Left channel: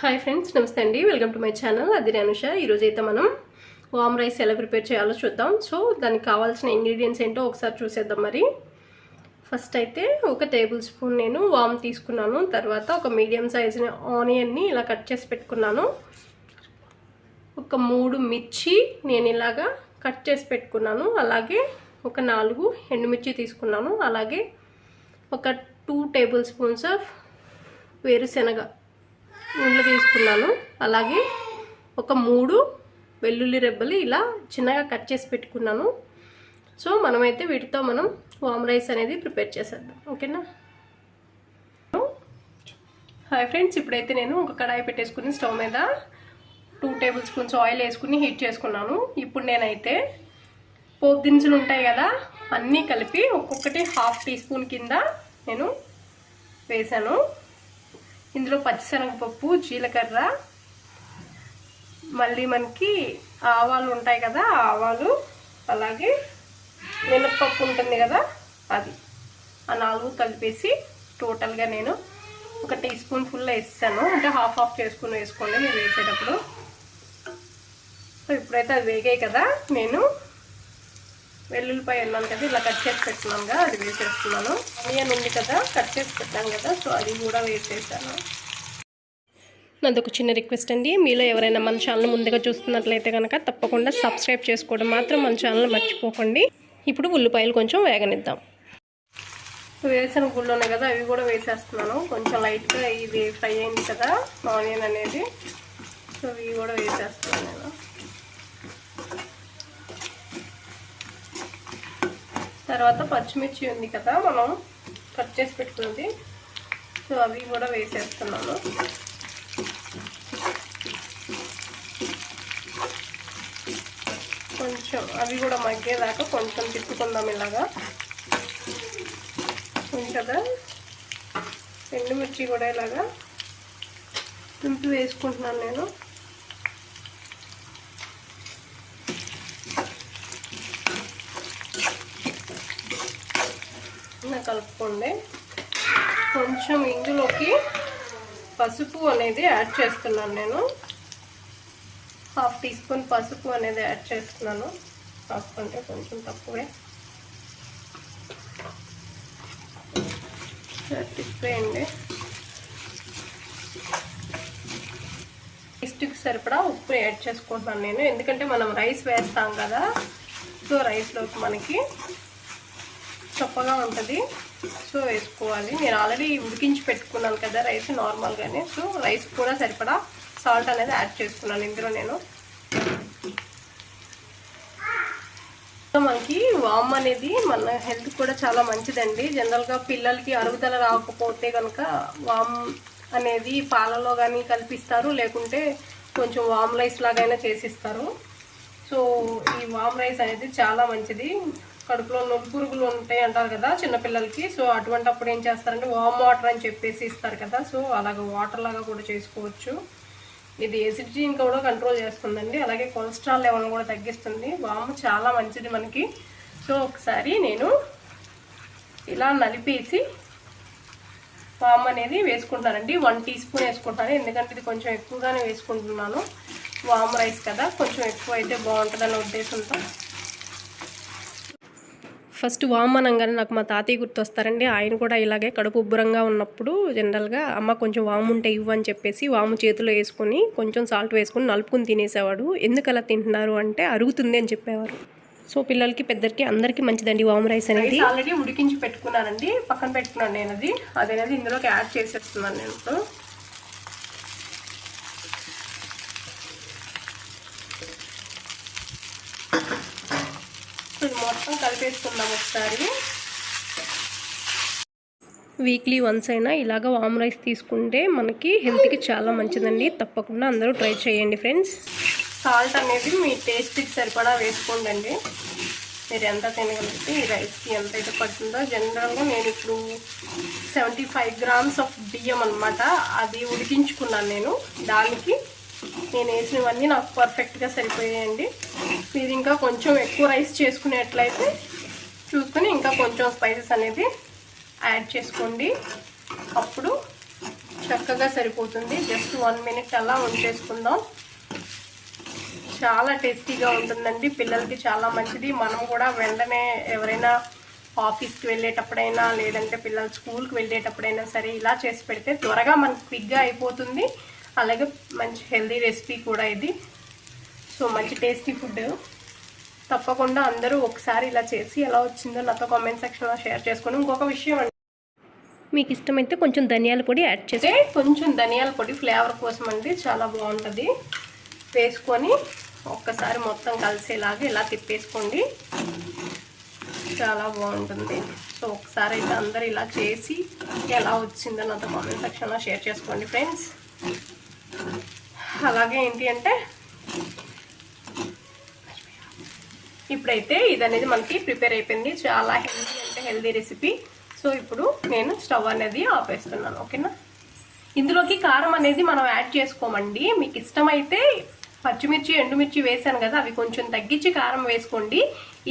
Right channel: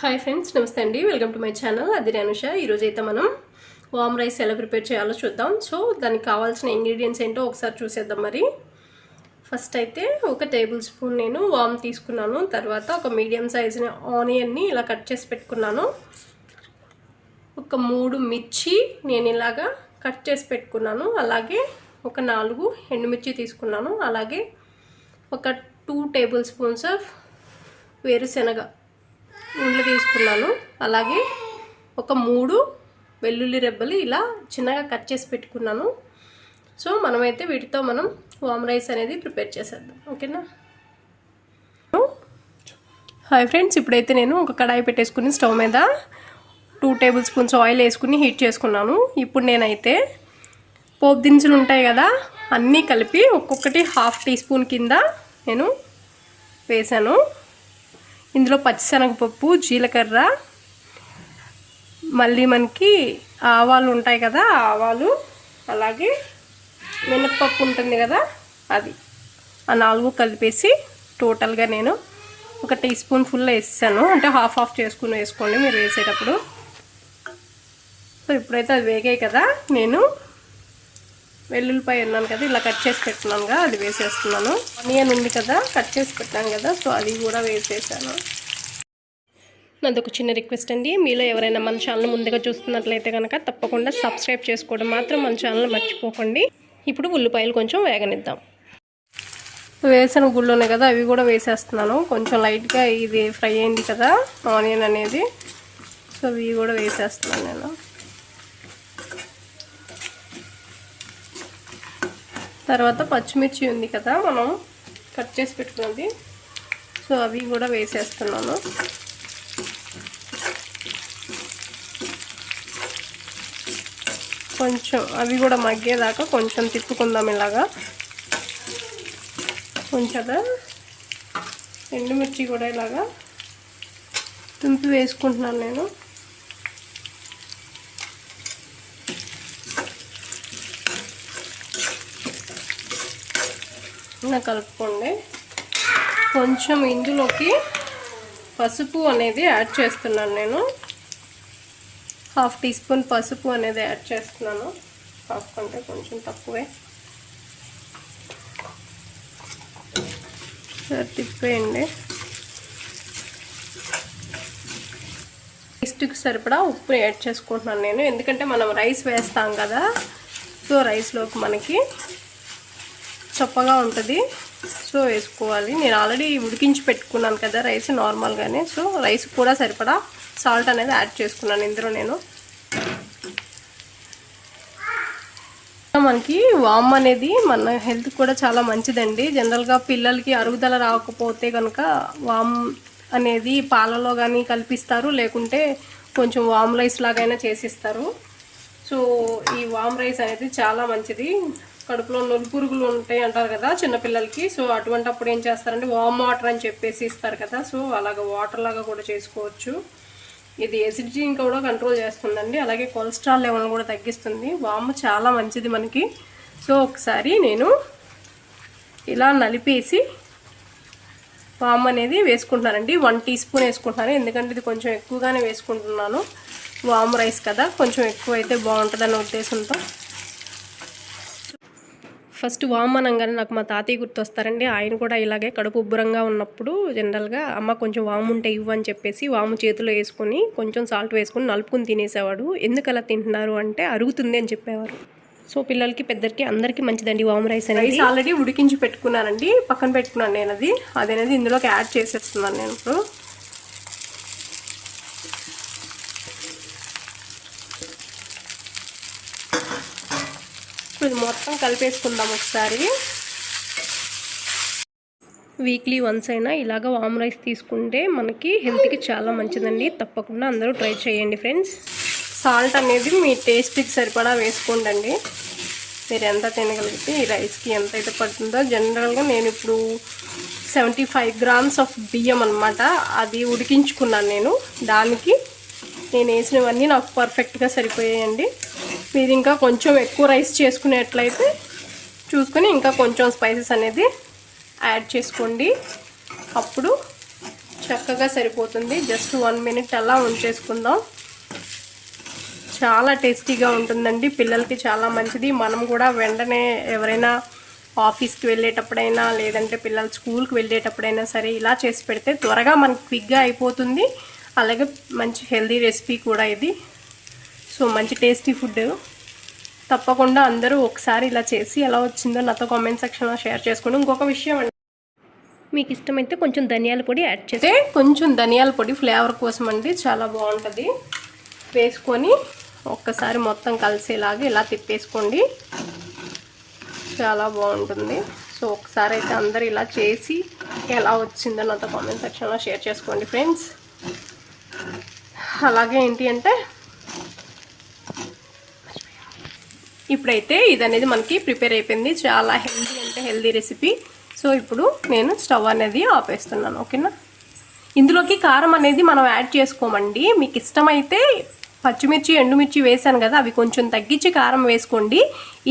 Hi friends, నమస్తే అండి. Welcome to my channel అది అనుష. ఈరోజు అయితే మనం వామ్ రైస్ ఎలా ప్రిపేర్ చేయాలో చూద్దాం. సో దానికి కావాల్సిన ఇంగ్రీడియంట్స్ ఏంటో ఒకసారి చూసేద్దాం. మరి ఫస్ట్ అయితే ఒక టేబుల్ స్పూన్ నేను వామ్ తీసుకున్నాను. తర్వాత ఒక మీడియం సైజు ఆనియన్ని ఇలా కట్ చేసి పెట్టుకున్నాను. ఒక 3 మిర్చి నేను ఇలాగా కట్ చేసి పెట్టుకున్నాను. అలాగే ఒక 4 ఎండుమిర్చి తీసుకున్నాను. అలాగే ఒక 2 టేబుల్ స్పూన్స్ ఆఫ్ వేరుశెనగ గుండ్లు తీసుకున్నాను. అలాగే ఒక 3 వెల్లుల్లి రెబ్బలు ఇలా చిన్నగా కట్ చేసి పెట్టుకున్నాను. సో మనమైతే వీటితో మనం వామ్ రైస్ అనేది ప్రిపేర్ చేసేద్దాం. ఓకేనా? హాయ్ ఫ్రెండ్స్, ఇప్పుడైతే నేను ఒక కడాయి పెట్టేసుకుని స్టవ్ మీద 2 టేబుల్ స్పూన్స్ ఆయిల్ వేసుకుని హీట్ చేసుకున్నాను. ఇప్పుడు నేనైతే పోపు దినుసులు ఉంటాయి కదా, అన్నీ కలిపి ఒక్కొక్కటి 1/2 టీ స్పూన్ కింద నేను వేసాను. ఇందులో పచ్చిశనగపప్పు, జీలకర్ర, మళ్ళీ మనకి ఆవాలు ఉంటాయి కదా, ఆవాలు, అలాగే మినప్పప్పు ఉంటుంది కదా, అది ఆ 4 కలిపేసి టోటల్గా నేను ఒక టీ స్పూన్ ఫుల్ వేసాను. అంటే హాఫ్ చేసుకుని వేసుకోండి మీరు వేసేటప్పుడు. సో ఇప్పుడైతే అది వేగాయి కదా, నేను వెల్లుల్లిపాయ అన్నాను కదా, ఇలా కట్ చేసి పెట్టుకున్నాను కదా, అది వేసేస్తున్నాను. ఆనియన్ ఉంది కదా, కట్ చేసి పెట్టాను కదా, సో అది కూడా వేసేసాను. నాది ఒక చిన్న రిక్వెస్ట్ అండి, మీలో ఎవరైనా మన ఛానల్ ముందుగా చూస్తున్నట్లయితే కనుక తప్పకుండా సబ్స్క్రైబ్ చేసుకోవడం మాత్రం మన ఛానల్ మర్చిపోకండి. ఇప్పుడు ఉల్లిపాయలు కొంచెం వేగనిద్దాం. వేసిన గుళ్ళు ఉన్నాయి కదా, అవి కూడా వేసేస్తున్నాను. కొంచెం లైట్గా ఇది ఫ్రై అయింది కదా ఆనియన్ అనేది, సో ఇవి కూడా వేసేస్తున్నాను నేను. తర్వాత పచ్చిమిర్చి ఉంది కదా మనం కట్ చేసి పెట్టుకున్నది, సో అవి కూడా వేసేస్తున్నాను. కొంచెం అవి కూడా మగ్గేదాకా కొంచెం తిప్పుకుందాం ఇలాగా. కొంచెం ఎండుమిర్చి కూడా ఇలాగా తుంపి వేసుకుంటున్నాను నేను. కలుపుకోండి. కొంచెం ఇందులోకి పసుపు అనేది యాడ్ చేస్తున్నాను నేను. 1/2 టీ స్పూన్ పసుపు అనేది యాడ్ చేస్తున్నాను. పసుపు అంటే కొంచెం తక్కువే. తిప్పేయండి. టేస్ట్కి సరిపడా ఉప్పు యాడ్ చేసుకుంటున్నాను నేను, ఎందుకంటే మనం రైస్ వేస్తాం కదా, సో రైస్లోకి మనకి చప్పగా ఉంటుంది, సో వేసుకోవాలి. నేను ఆల్రెడీ ఉడికించి పెట్టుకున్నాను కదా రైస్ నార్మల్గానే, సో రైస్ కూడా సరిపడా సాల్ట్ అనేది యాడ్ చేసుకున్నాను ఇందులో నేను. మనకి వామ్ అనేది మన హెల్త్ కూడా చాలా మంచిదండి. జనరల్గా పిల్లలకి అరుగుదల రాకపోతే కనుక వామ్ అనేది పాలలో కానీ కల్పిస్తారు, లేకుంటే కొంచెం వామ్ రైస్ లాగైనా చేసిస్తారు. సో ఈ వామ్ రైస్ అనేది చాలా మంచిది. కడుపులో నులుపురుగులు ఉంటాయి అంటారు కదా చిన్నపిల్లలకి, సో అటువంటిప్పుడు ఏం చేస్తారంటే వామ్ వాటర్ అని చెప్పేసి ఇస్తారు కదా, సో అలాగ వాటర్ లాగా కూడా చేసుకోవచ్చు. ఇది ఎసిడిటీని కూడా కంట్రోల్ చేస్తుందండి, అలాగే కొలెస్ట్రాల్ లెవెల్ కూడా తగ్గిస్తుంది. వామ్ చాలా మంచిది మనకి. సో ఒకసారి నేను ఇలా నలిపేసి వామ్ అనేది వేసుకుంటున్నానండి. 1 టీ స్పూన్ వేసుకుంటున్నాను, ఎందుకంటే ఇది కొంచెం ఎక్కువగానే వేసుకుంటున్నాను. వామ్ రైస్ కదా, కొంచెం ఎక్కువ అయితే బాగుంటుందన్న ఉద్దేశంతో. ఫస్ట్ వామ్ అనగానే నాకు మా తాతయ్య గుర్తొస్తారండి. ఆయన కూడా ఇలాగే కడుపు ఉబ్బరంగా ఉన్నప్పుడు జనరల్గా అమ్మ కొంచెం వాము ఉంటే ఇవ్వు అని చెప్పేసి వాము చేతిలో వేసుకొని కొంచెం సాల్ట్ వేసుకొని నలుపుకొని తినేసేవాడు. ఎందుకు అలా తింటున్నారు అంటే అరుగుతుంది అని చెప్పేవారు. సో పిల్లలకి పెద్దరికి అందరికీ మంచిదండి వామ్ రైస్ అనేది. ఆల్రెడీ ఉడికించి పెట్టుకున్నానండి, పక్కన పెట్టుకున్నాను నేను. అదనేది ఇందులోకి యాడ్ చేసేస్తున్నాను నేను ఇప్పుడు. ఇది మొత్తం కలిపేసుకుందాం ఒకసారి. వీక్లీ వన్స్ అయినా ఇలాగ వామ్ రైస్ తీసుకుంటే మనకి హెల్త్కి చాలా మంచిదండి. తప్పకుండా అందరూ ట్రై చేయండి ఫ్రెండ్స్. సాల్ట్ అనేది మీ టేస్ట్కి సరిపడా వేసుకోండి. మీరు ఎంత తినగలిగితే ఈ రైస్కి ఎంత అయితే పడుతుందో. జనరల్గా నేను ఇప్పుడు 75 గ్రామ్స్ ఆఫ్ బియ్యం అనమాట, అది ఉడికించుకున్నాను నేను. దానికి నేను వేసినవన్నీ నాకు పర్ఫెక్ట్గా సరిపోయాయండి. మీరు ఇంకా కొంచెం ఎక్కువ రైస్ చేసుకునేట్లయితే చూసుకొని ఇంకా కొంచెం స్పైసెస్ అనేది యాడ్ చేసుకోండి, అప్పుడు చక్కగా సరిపోతుంది. జస్ట్ 1 మినిట్ అలా ఉంచేసుకుందాం. చాలా టేస్టీగా ఉంటుందండి, పిల్లలకి చాలా మంచిది. మనం కూడా వెంటనే ఎవరైనా ఆఫీస్కి వెళ్ళేటప్పుడైనా లేదంటే పిల్లలు స్కూల్కి వెళ్ళేటప్పుడైనా సరే ఇలా చేసి పెడితే త్వరగా మనకు క్విక్గా అయిపోతుంది. అలాగే మంచి హెల్దీ రెసిపీ కూడా ఇది. సో మంచి టేస్టీ ఫుడ్. తప్పకుండా అందరూ ఒకసారి ఇలా చేసి ఎలా వచ్చిందో నాతో కామెంట్ సెక్షన్లో షేర్ చేసుకోండి. ఇంకొక విషయం అండి, మీకు ఇష్టమైతే కొంచెం ధనియాల పొడి యాడ్ చేస్తే, కొంచెం ధనియాల పొడి ఫ్లేవర్ కోసం అండి, చాలా బాగుంటుంది. వేసుకొని ఒక్కసారి మొత్తం కలిసేలాగా ఇలా తిప్పేసుకోండి, చాలా బాగుంటుంది. సో ఒకసారి అయితే అందరూ ఇలా చేసి ఎలా వచ్చిందో నాతో కామెంట్ సెక్షన్లో షేర్ చేసుకోండి ఫ్రెండ్స్. అలాగే ఏంటి అంటే ఇప్పుడైతే ఇది అనేది మనకి ప్రిపేర్ అయిపోయింది. చాలా హెల్దీ అంటే హెల్దీ రెసిపీ. సో ఇప్పుడు నేను స్టవ్ అనేది ఆపేస్తున్నాను. ఓకేనా, ఇందులోకి కారం అనేది మనం యాడ్ చేసుకోమండి. మీకు ఇష్టమైతే పచ్చిమిర్చి ఎండుమిర్చి వేసాను కదా, అవి కొంచెం తగ్గించి కారం వేసుకోండి.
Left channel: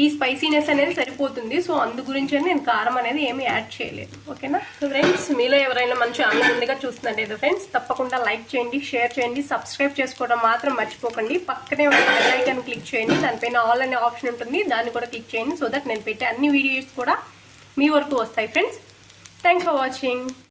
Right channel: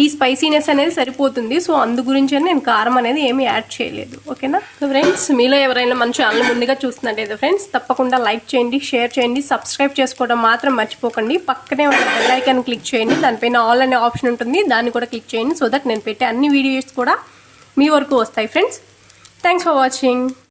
ఈ స్పైసీనెస్ అనేది సరిపోతుంది. సో అందు గురించి నేను కారం అనేది ఏమీ యాడ్ చేయలేదు. ఓకేనా ఫ్రెండ్స్, మీలో ఎవరైనా మన ఛానల్ ముందుగా చూస్తున్నట్టయితే ఫ్రెండ్స్ తప్పకుండా లైక్ చేయండి, షేర్ చేయండి, సబ్స్క్రైబ్ చేసుకోవడం మాత్రం మర్చిపోకండి. పక్కనే ఉన్న బెల్ ఐకాన్ క్లిక్ చేయండి, దానిపైన ఆల్ అనే ఆప్షన్ ఉంటుంది, దాన్ని కూడా క్లిక్ చేయండి. సో దట్ నేను పెట్టే అన్ని వీడియోస్ కూడా మీ వరకు వస్తాయి ఫ్రెండ్స్. Thanks for watching.